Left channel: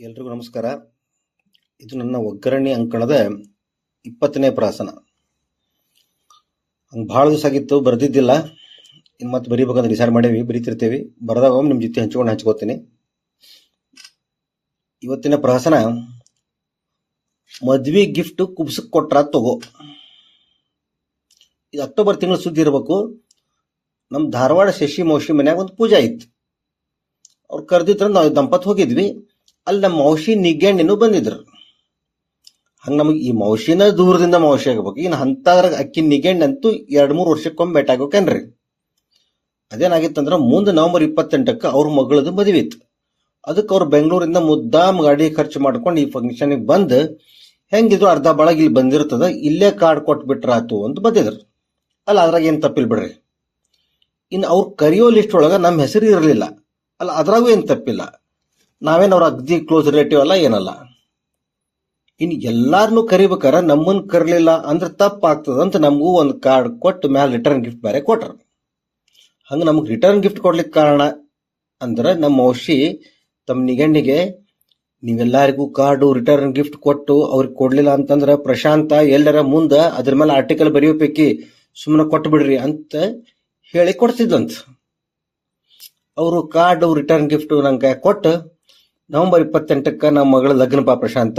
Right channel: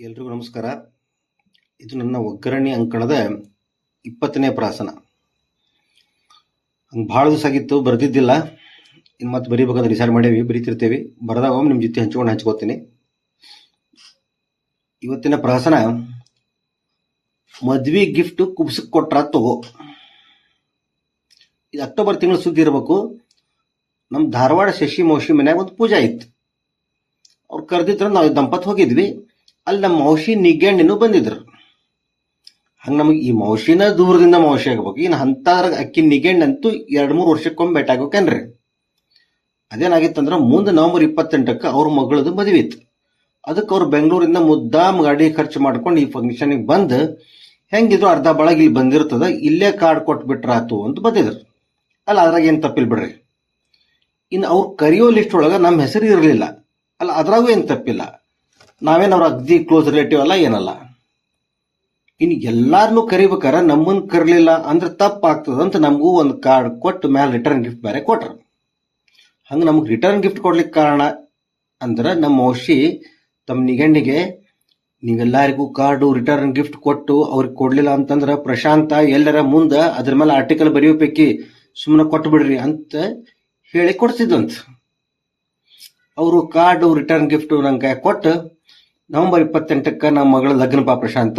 ಎಲ್ರಿಗೂ ನಮಸ್ಕಾರ. ಇದು ನನ್ನ ಒಗ್ಗರಣೆ ಅಂಕಣದ 20ನೇ ಪ್ರಾಸನ. ಹಂಗೆ ಭಾಳ ದಿವಸ ಆಗಿತ್ತು, ಬರೆದಿದ್ದಿಲ್ಲ. ಇನ್ನು ಮತ್ತೆ ಬರೀಬೇಕಂದ್ರೆ ಡಿಸೈಡ್ ಮಾಡೇವಿ, ಬರೀತಿರ್ತೇವೆ. ಬರೆದಾಗ ಒಮ್ಮೆ ನಿಮ್ಮ ಜೊತೆ ಹಂಚ್ಕೋತೀನಿ. ಇವತ್ತಿನ ಪ್ರಾಸನ, ಮದ್ವಿ ಗಿಫ್ಟ್ ಕುಬ್ಸಕ್ಕೆ ಕೊಟ್ರ ತಗೋ. ಇದು ಅಕ್ಟೋಬರ್ ತಿಂಗಳು ಸುದ್ದಿ ಇರಬೇಕು. ನಮ್ಮ ಧಾರವಾಡ ಶಶಿ ಮೌಶಿ ಮನ್ಯಾಗ ಒಂದು ಪೂಜೆ ಇತ್ತು. ಅವ್ರು ಕರೆದಿದ್ರೆ ನಾವು ದಂಪತಿ ಹೋಗಿದ್ವಿ. ಅಲ್ಲಿ ನಮ್ಮ ಮೌಶಿ ನಿಗ್ಗಣ್ಣಿನೂ ಬಂದಿದ್ರು. ಹಂಗೆ ನಮಗೆ ಈ ಮೌಶಿನ ದೂರದಿಂದ ಮೌಶಿ ಆಗ್ಬೇಕು. ಇನ್ನು ಅಂತಾದ್ರಾಗ ಅಕ್ಕಿ ನಿಗ್ಗಣ್ಣಂತೂ 2-3 ವರ್ಷಕ್ಕೊಮ್ಮೆ ಭೇಟಿ ಆಗ್ಬೇಕೇನ್ರಿ. ಅದೇನಾಗಿತ್ತಂದ್ರೆ ಮುಂದೆ ನವೆಂಬರ್ 28ಕ್ಕೆ ಅವ್ರ ಮಗಳದು ಮದುವೆ ಇತ್ತು. ಅದಕ್ಕೆ ಅವ್ರು ಬೆಂಗಳೂರಿಂದ ಮುದ್ದಾಮ್ ಗಾಡಿ ಖರ್ಚು ಮಾಡ್ಕೊಂಡು ಈ ಫಂಕ್ಷನಿಗೆ ಬಂದು ಹೆಂಗಿದ್ರು ಅರ್ಧ ಬಳಗ ಇಲ್ಲಿ ಬಂದಿರ್ತದ, ಇಲ್ಲೇ ಕಾರ್ಡ್ ಕೊಟ್ಬಿಟ್ರಾತು ಅಂತ ಬಂದಿದ್ರು. ಅಲ್ಲ, ಅದ್ರಾಗ ಏನು ತಪ್ಪಿಲ್ಲ ಬಿಡ್ರಿ. ಇನ್ನು ಅವ್ರು ಕರೆಯೋ ಲಿಸ್ಟ್ ಒಳಗೆ ನಮ್ಮ ಹೆಸರು ಇರಲಿಲ್ಲ. ಅಲ್ಲ, ಅದ್ರಾಗೂ ಏನು ತಪ್ಪಿಲ್ಲ. ನಾವೇನು ಅವ್ರ ಅಗ್ದಿ ಕ್ಲೋಸ್ ರಿಲೇಟಿವ್ ಅಲ್ಲ, ಏನಲ್ಲ. ಇನ್ನು ಎಲ್ಲಾರನ್ನೂ ಕರಿಬೇಕಾರ ನಮ್ಮನ್ನು ಕರಲಿಲ್ಲ ಅಂದ್ರೆ ತಪ್ಪಾಗ್ತದ ಅಂತ ನಮಗೂ ಒಂದು ಕಾರ್ಡ್ ಕೊಟ್ಟು ಮ್ಯಾಲೆ ರಿಟರ್ನ್ ಗಿಫ್ಟ್ ಬೇರೆ ಕೊಟ್ರು. ಹಂಗೆ ನಮಗೆ ರಿಟರ್ನ್ ಗಿಫ್ಟ್ ಕೊಡ್ಲಿಕ್ಕೆ ಕಾರಣ ಅಂದ್ರೆ ನಮ್ಮ ಔಷಿ ತಮ್ಮ ನಿಗಣ್ಣಿಗೆ ನೀವೆಲ್ಲರಿಗೂ ಕಾರ್ಡು ರಿಟರ್ನ್ ಗಿಫ್ಟ್ ಕೊಟ್ಟು ಅವ್ರಿಗೆ ಕೊಡಲಿಲ್ಲ ಅಂತಂದ್ರೆ ಪ್ರಶಾಂತ ಎಲ್ಲರ ಮುಂದೆ ಅದ್ರ ಮೇಲೆ ಆರ್ಟಿಕಲ್ ಬರೆಯೋಪೈಕಿ ಸುಮ್ಮನೆ ಕೊಟ್ಟು ಬಿಡ್ರಿ ಅಂತ ಹೇಳಿ ಕೊಡ್ತಿದ್ದಂತ. ಅವರು ಕಾರ್ಡು ರಿಟರ್ನ್ ಗಿಫ್ಟ್ ನಂಗೆ ಕೊಟ್ಟು ನವೆಂಬರ್ 28ಕ್ಕೆ ನಮ್ಮ ಮಗಳ ಲಗ್ನ ಪ್ರಶಾಂತ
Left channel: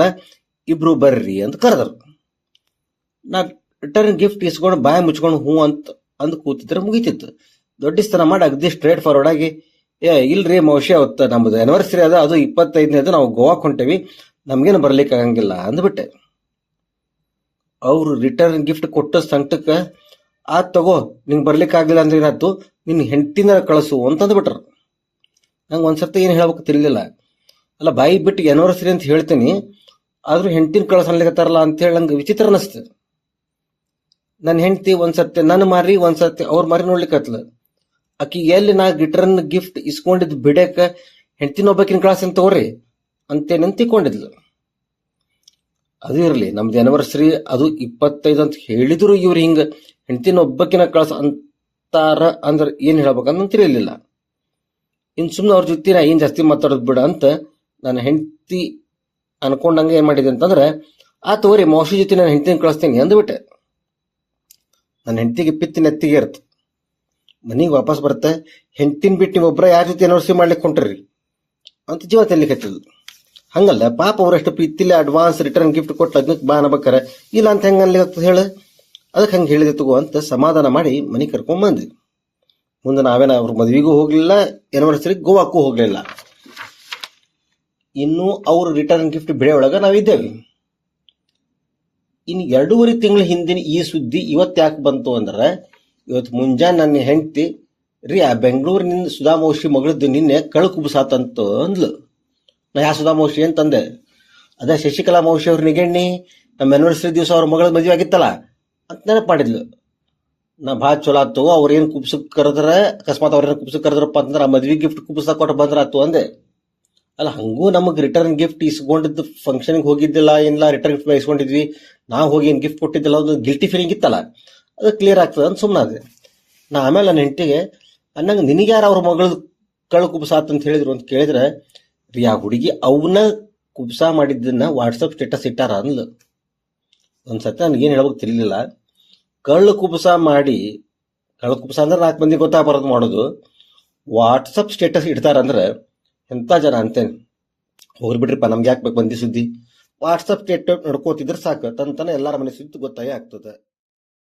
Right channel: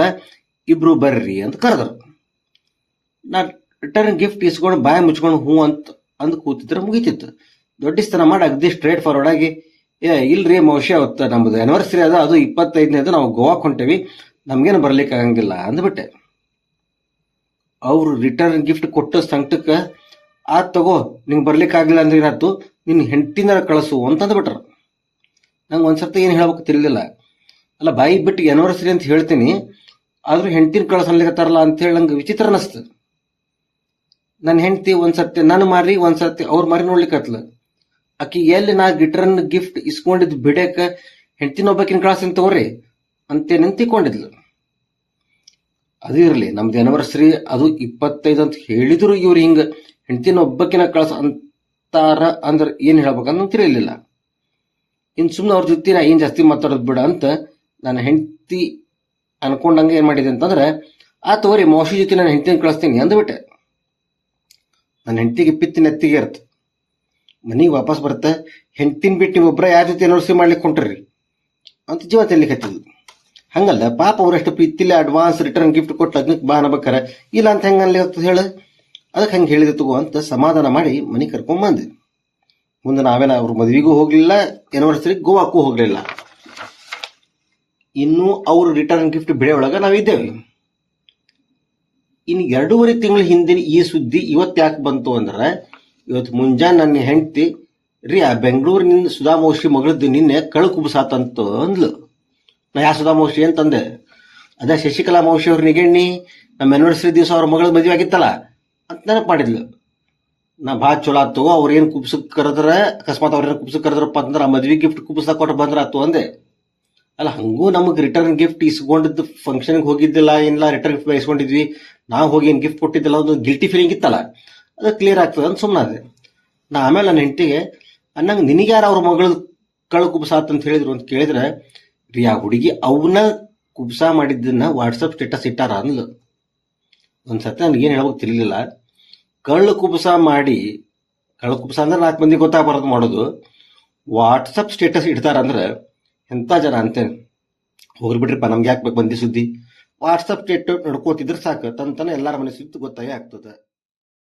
ಇಬ್ರು ಬರ್ರಿ ಅಂತ ಕರೆದ್ರು. ನಾ ರಿಟರ್ನ್ ಗಿಫ್ಟ್ ಇಸ್ಕೊಂಡು ಬಾಯಿ ಮುಚ್ಕೊಂಡು ಹ್ಞೂ ಅಂತ ಅಂದು ಕೂತಿದ್ರೆ ಮುಗಿತಿತ್ತು. ದೊಡ್ಡಸ್ತನ ಮಾಡಿ ಅಗ್ದಿ ಸ್ಟ್ರೇಟ್ ಫಾರ್ವರ್ಡ್ ಆಗಿ, ಇಲ್ರಿ ಮೌಶಿ, ಅವತ್ತು ನಮ್ಮದು ಆನಿವರ್ಸರಿ ಅದ, ಅದು 25ನೇದು, ನಾವು ಗೋವಾಕ್ಕೆ ಹೊಂಟೇವಿ, ನಮ್ಗೇನು ಬರ್ಲಿಕ್ಕೆ ಆಗಂಗಿಲ್ಲ ಅಂದ್ಬಿಟ್ಟೆ. ಅವರು ರಿಟರ್ನ್ ಗಿಫ್ಟ್ ಕೊಟ್ಟ ಸಂಕಟಕ್ಕೆ ಆತ್ ತಗೋ, ನಿಂಗೆ ಬರ್ಲಿಕ್ಕೆ ಆಗಲಿಲ್ಲ ಅಂದ್ರೆ ಏನಾಯ್ತು, ನಿನ್ನ ಹೆಂಡತಿನ ಕಳಿಸು ಅಂತಂದ್ಬಿಟ್ರು. ನಂಗೆ ಒಂದ್ಸರ್ತಿ ಏನು ಹೇಳ್ಬೇಕು ತಿರ್ಲಿಲ್ಲ. ಅಲ್ಲ, ಬಾಯಿ ಬಿಟ್ಟು ಆನಿವರ್ಸರಿ ಅಂತ ಹೇಳ್ತೀನಿ, ಆದ್ರೂ ಹೆಂಡತಿನ ಕಳ್ಸನ್ಲಿಕತ್ತಾರಲ್ಲ ಅಂತ ಹೇಳಿ ನಂಗೆ ವಿಚಿತ್ರ ಅನ್ನಿಸ್ತು. ನನ್ನ ಹೆಂಡತಿ ಒಂದ್ಸರ್ತಿ ನನ್ನ ಮಾರಿ, ಒಂದ್ಸರ್ತಿ ಅವ್ರ ಮಾರಿ ನೋಡ್ಲಿಕ್ಕತ್ಲ. ಆಕಿ ಎಲ್ಲಿ ನಾ ರಿಟರ್ನ್ ಗಿಫ್ಟ್ ಇಸ್ಕೊಂಡಿದ್ದು ಬಿಡಕ್ಕೆ ಹೆಂಡತಿನ ಒಬ್ಬಕಿನ ಕಳ್ಸನ್ ತಗೋರಿ ಅಂತ ನಿಂತಿಕೊಂಡಿದ್ಲು. ಅದು ಇರಲಿ, ನಮ್ದು ಆನಿವರ್ಸರಿ ಅದು 25 ಅಂತ ಹೇಳಿದ್ರು ಇವ್ರು ಹಿಂಗೆ ಹೆಂಡತಿನ ಒಬ್ಬಕಿನ ಕಳ್ಸ ಅಂತಾರ ಅಂದ್ರೆ ಏನು ಹೇಳ್ಬೇಕಂತ ತಿಳಿಯಲಿಲ್ಲ. ಇನ್ನು ಸುಮ್ಮನೆ ಅವ್ರ ಜೊತೆ ನಾ ಏನು ಜಾಸ್ತಿ ಮಾತಾಡೋದು ಬಿಡ ಅಂತ ನನ್ನ ಹೆಂಡತಿ ಅನ್ಕೊಂಡಂಗೆ ಏನು ಮಾಡಿದೆ ಅಂತಂದ್ರೆ, ಆ ತಗೋರಿ ಮೌಶಿ ಜೊತೆ ನಾನು ಹೆಂಡತಿನ ಕಳಿಸ್ತೀನಿ ಅಂದ್ಬಿಟ್ಟೆ. ನನ್ನ ಹೆಂಡತಿಗೆ ಪಿತ್ತಿ ನೆತ್ತಿಗೆ ಇರುತ್ತೆ. ಮನೆಗೆ ವಾಪಸ್ ಬರುತ್ತೆ, ಹೆಂಡತಿನ ಬಿಟ್ಟು ನೀವೊಬ್ಬರ ಯಾರ ಜೊತೆ ಆನಿವರ್ಸರಿ ಮಾಡ್ಲಿಕ್ಕೆ ಹೊಂಟ್ರಿ ಅಂತ ಜೀವ ತೆಲಿಕ್ಕೆ ಹಚ್ಚಿದ್ಲು. ಹಂಗಲ್ಲ, ಪಾಪ ಅವರಷ್ಟು ಪ್ರೀತಿಲಿ ಅಡ್ವಾನ್ಸ್ ರಿಟರ್ನ್ ಗಿಫ್ಟ್ ಕೊಟ್ಟು ಲಗ್ನಕ್ಕೆ ಬಾ ಅನ್ಬೇಕಾರೆ ಇಲ್ಲ ಅಂತ ಹೆಂಗೆ ಅನ್ಲಿಕ್ಕೆ ಹೇಳಿ, ಅದಕ್ಕೆ ಹಂಗೆ ಹೇಳಿದೆ ತಗೋ ಅಂತ ಸಮಾಧಾನ ಮಾಡಿ ಮನೆಗೆ ಕರ್ಕೊಂಡ್ಬಂದೆ. ಮುಂದೆ ನಾವೇನ ಅವ್ರ ಮದುವೆಗೂ ಹೋಗಲಿಲ್ಲ, ಆನಿವರ್ಸರಿಗೆ ಗೋವಾಕ್ಕೂ ಹೋಗಲಿಲ್ಲ. ಇನ್ನು ಅವರು ರಿಟರ್ನ್ ಗಿಫ್ಟ್ ಬೆಳೆ ಒಳಗೆ ನಾವಿದ್ದೇವೆ. ಇನ್ನು 2.5 ತಿಂಗಳ ಹಿಂದಿನ ಈ ಸುದ್ದಿ ಇವತ್ತು ಯಾಕೆ ಬಂತು ಅಂದ್ರೆ, ಇವತ್ತು ಮುಂಜಾನೆ ನನ್ನ ಹೆಂಡತಿ ರೀ ಆ ಬೆಂಗಳೂರಿನಿಂದ ಸುಧಾಮೌಶಿ ಮಗಳದ್ದು ನಿನ್ನೆ ಕಳು ಕುಬ್ಸಾತಂತು ಅಂದ್ಲು. ನಾ ಯಾ ಸುಧಾಮೌಶಿ ಅಂತಂದೆ. ಅದೇ ಶಶಿಕಲಾ ಮೌಶಿ ಅವ್ರ ನಿಗಣ್ಣಿ, ನಮ್ಮ ಆನಿವರ್ಸರಿ ದಿವಸ ಅವ್ರ ಮಗಳ ಮದುವೆ ಆಗಿತ್ತಲ್ಲ ಅಂತ ನೆನಪು ಮಾಡಿದ್ಲು. ನಾ ಭಾಳ ಚಲೋ ಆತು, ಅವ್ರೇನು ಕುಬ್ಸಕ್ಕೆ ಕರೆದ್ರೆ, ಅಕಸ್ಮಾತ್ ಅವ್ರೇನು ಕುಬ್ಸಕ್ಕೆ ಕರೆದ್ರಪ್ಪ ಅಂತಂದ್ರೆ ಆ ಮದ್ವೆ ಗಿಫ್ಟ್ ಕುಬ್ಸಕ್ಕೆ ಕೊಟ್ಟು ಬಂದ್ರೆ ಆತು ಅಂದೆ. ಅಲ್ಲ, ಹಂಗೂ ನಮಗೆ ರಿಟರ್ನ್ ಗಿಫ್ಟ್ ಇಸ್ಕೊಂಡಿದ್ದು ಫಂಕ್ಷನ್ಗೆ ಹೋಗಿದ್ದಿಲ್ಲ, ಏನಿಲ್ಲ, ರಿಟರ್ನ್ ಗಿಫ್ಟ್ ಇಸ್ಕೊಂಡಿದ್ವಿ, ನಾವು ಹೋಗಿ ಏನು ಗಿಫ್ಟ್ ಕೊಟ್ಟಿದ್ದಿಲ್ಲ, ಒಂದು ಗಿಲ್ಟಿ ಫೀಲಿಂಗ್ ಇತ್ತಲ್ಲ, ಅದು ಕ್ಲಿಯರ್ ಆಗ್ತದೆ ಅಂತ ಸುಮ್ಮನಾದೆ. ನಾ ಆಮೇಲೆ ನನ್ನ ಹೆಂಡತಿಗೆ ಅನ್ನಂಗೆ ನಿನಗೆ ಯಾರು ಅವ್ರ ಮಗಳು ಕಳು ಕುಬ್ಸಾತ್ ಅಂತ ಹೇಳಿದ್ರು ಅಂತ ಕೇಳಿದ್ರೆ, ರೀ ಆ ಹುಡುಗಿ ಅವನ್ನ ಕುಬ್ಸಾ ಮಾಡಿದ್ದನ್ನ ವಾಟ್ಸಪ್ ಸ್ಟೇಟಸ್ ಇಟ್ಟಾರ ಅಂದ್ಲು. ಒಂದ್ಸತಿ ನನಗೇನು ಹೇಳ್ಬೇಕು ತಿರ್ಲಿಲ್ಲ. ಕಳ್ಳು ಕುಬ್ಸಾ ಮಾಡಿ, ಕಳ್ಳು ಕುಬ್ಸಾ ಅಂದ್ರೆ 4 ಮಂದಿ ಗೊತ್ತಾಗಬಾರದು ಮಾಡೋದು, ವಾಟ್ಸಪ್ ಸ್ಟೇಟಸ್ ಇಡ್ತಾರಂದ್ರೆ ಎಂಥ ಜನ ಅಂತೇನೆ. ಹೋಗ್ಬಿಟ್ರಿಪ್ಪ, ನಮ್ಗೆ ಯಾಕೆ ಬೇಕು ಬಂದಿ ಸುದ್ದಿ. ವಾಟ್ಸಪ್ ಸ್ಟೇಟಸ್ ನಡ್ಕೋತಿದ್ರೆ ಸಾಕು, ತಂತಾನೆ ಎಲ್ಲರ ಮನೆ ಸುದ್ದಿ ಗೊತ್ತಾಗೇ ಆಗ್ತದೆ.